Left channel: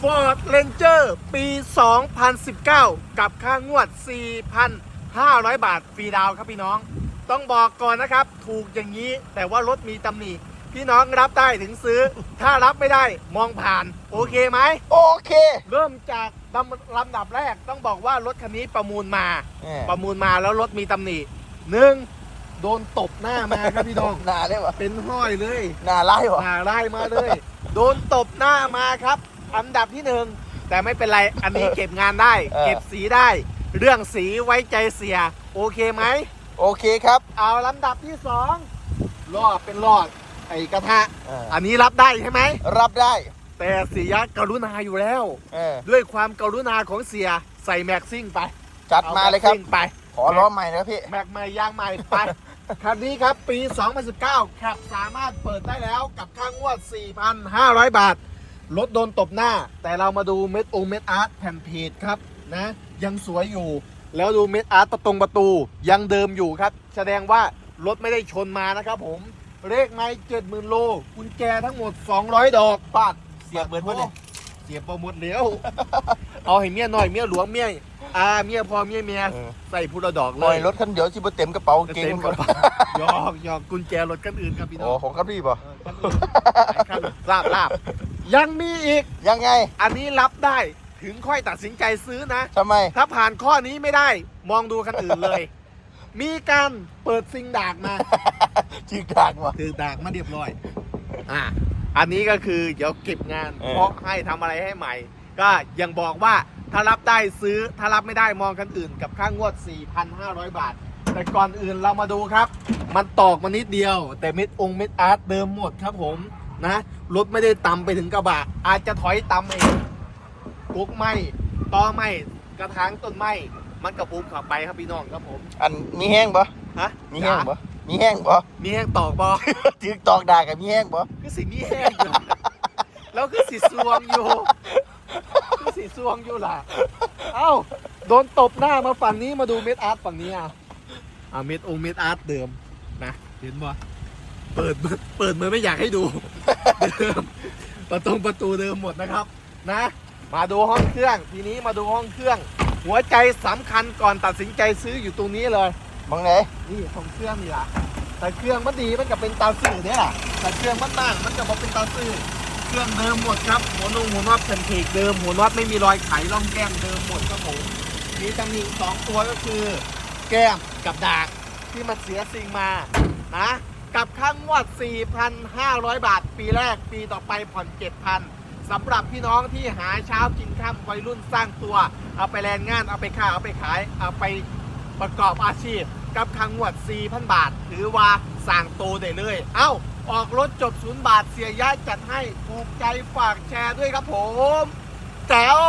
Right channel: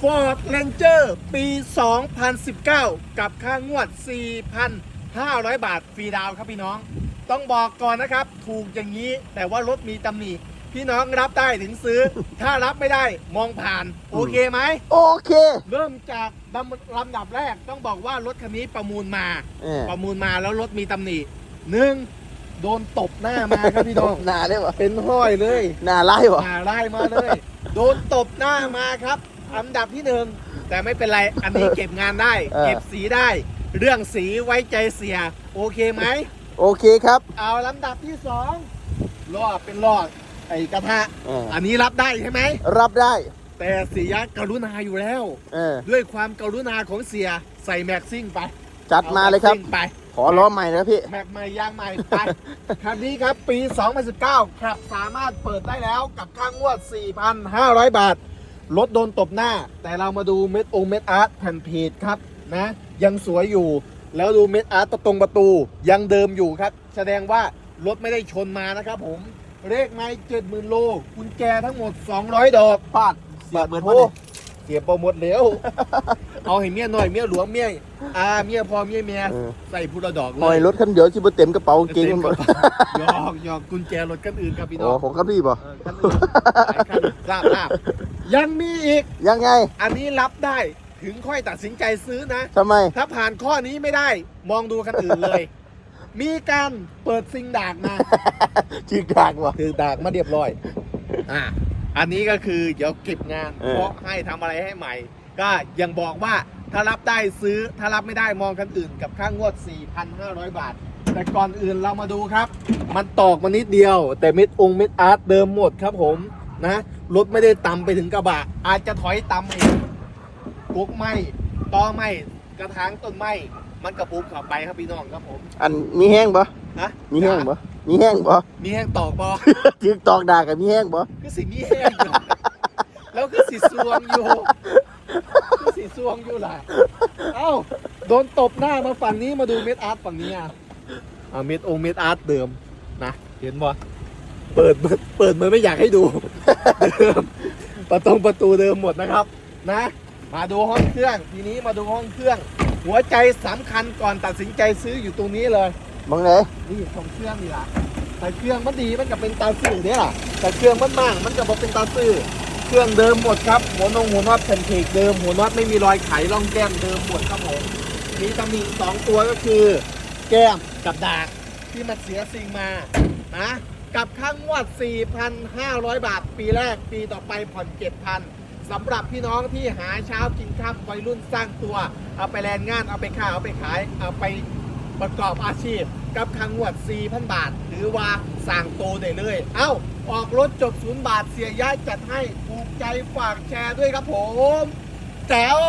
Ford Ranger ปี 2019 กับค่างวด 4,500 บาทฟรีดาวน์ครับพี่น้อง ต้องบอกก่อนนะครับ ถูกอย่างนี้แต่ว่ารถมีตำหนิพี่น้องรับได้ถึงซื้อ ถ้ารับไม่ได้มองผ่าน โอเคไหม โอเค เริ่มจากลำลำดับแรกต้องบอกว่ารถคันนี้ประมูลมาเออประมูลมาแล้วรถมีตำหนิหนึ่งโดนตบหน้ามาครับพี่น้อง หนาเลยวะเป็นห้อยเลย หนาไล่ยวะหน้าไล่มาเลย โดนตบหน้ามาครับ อันดับที่หนึ่งแต่ไม่เป็นไรอันนี้เก็บงานได้ เก็บสีได้ เรื่องสีไว้ใจเสีย โอเคไหม โอเคครับ เอาลำดับที่สองลอดเป็นลอดไอ้กระทะ เอออันนี้รับได้ใช่ไหม รับได้แต่เสียกรุณาอยู่แล้ว เออด้วยความกรุณาของเสียใส่แม็กซิ่งไปจัดอมาเลยครับแม็กซิ่งไป ขอล้อใหม่นะพี่ แม็กใหม่ยางใหม่ไป คันนี้ครับปี 2019ครับสามารถเปิดได้แล้วกับค่างวด 4,500 บาท รถโดนตบหน้า แต่เรามาดูเม็ดองเม็ดอาร์ตแผ่นพีดครับนะยังสวยอยู่ แล้วดูเม็ดอาร์ตประตรงประตูยังเดิมอยู่ครับ แสดงว่ารถไม่ได้ชนมานะครับผม เลขไม่เจ็ดหมื่นโลกุญแจทั้งหมด 200 ดอกพลาดเสียเบิร์ดโอ้วะเนี่ยเสียโปรโมทแล้วเอาให้เมียหน่อยเมียหลวงเมียอาเมียพอเมียเมียเออใส่พุทธดอกเลเลยยรถคันเดียวชิบเต็มกระเป๋าเก่งเต็มกระเป๋าหยอกหยอกกุญแจรถกันอื่นครับพี่น้อ๋อองผมครับพี่ป่ะเออคันอื่นหลายคันทราบทราบ ยังมีอีก ยังไงอันนี้รับได้ถึงค่อยตัดสินใจซื้อนะ ทำไม ถ้าผ่านข้อนี้ไม่ได้มองดูคันอื่นเลย มีการเปิดซิงดากมาจิกดากว่ะคือดากมาเรียบร้อย อ่าอันนี้ก็คือเดี๋ยวเก็บงาน เออ เพราะให้ทำอะไรให้ใหม่ ก็ยังบอกว่าถ้ารับได้ซื้อถ้ารับไม่ได้มองคันอื่นกับค่างวด 4,500 บาท แต่ก่อนอื่นเรามาดูครับ มันตอกมานิดเดียว แต่มิดองค์มิดอาร์ตเดิมหมดครับผม นะรถไม่ได้ตำไปถึงกระบะ อาจจะถอยตำเองกุ๊กไหมตอไหมกระถางต้นไหมมันกระปุกเข้าไปครับพี่น้องครับผมอันมีแห้งปะฮะมีแห้งจ๋าปะมีแห้งปะมีแห้งตอกบอจิกตอกดากกับมีแห้งปะคือสีมีแห้งอยู่แล้วคือสีสวงอยู่คือสีสวงอยู่ล่ะเอ้าโดนตบหน้ามาฝั่งนี้มาดูเม็ดอาร์ตฝั่งนี้อะอ่าเม็ดองค์เม็ดอาร์ตเดิมนะเห็นบ่เปิด เปิดเปิดเหมือนไม่อยากให้ดูเดิมประตูประตูเดิมหมดนะครับนะ มาดูห้องเครื่อง ทีนี้มาดูห้องเครื่อง หัวใจสำคัญก่อนตัดสินใจซื้ออยู่ตรงนี้เลยบังไหนนี่ของเครื่องนี่ล่ะแต่เครื่องมันดีมันก็เป็นตาซื่อเนี่ยแต่เครื่องมันมากมันก็บอกเป็นตาซื่อเครื่องเดิมหมดครับหัวนงหัวน็อตเป็นเพกเดิมหัวน็อตไม่มีรอยไขร่องแก้มเดิมหมดครับผมมีตำหนิสองตัวก็คือ แก้มกับดากที่มันเสียสิ่งมานะ กับค่างวด 4,500 บาท ปีแรกปีต่อไปผ่อน 7,000สำหรับพี่น้องที่หาเช้ากินค่ำวัยรุ่นสร้างตัว เอาไปแรงงานเอาไปค้าเอาไปขาย เอาไปประกอบอาชีพ กับค่างวด 4,000 บาท หรือว่าสั่งโตได้เลย เอ้า ออกรถจบศูนย์บาทเสียย้ายจัดให้ ถูกใจฝากแชร์ด้วยครับผมแจ๋ว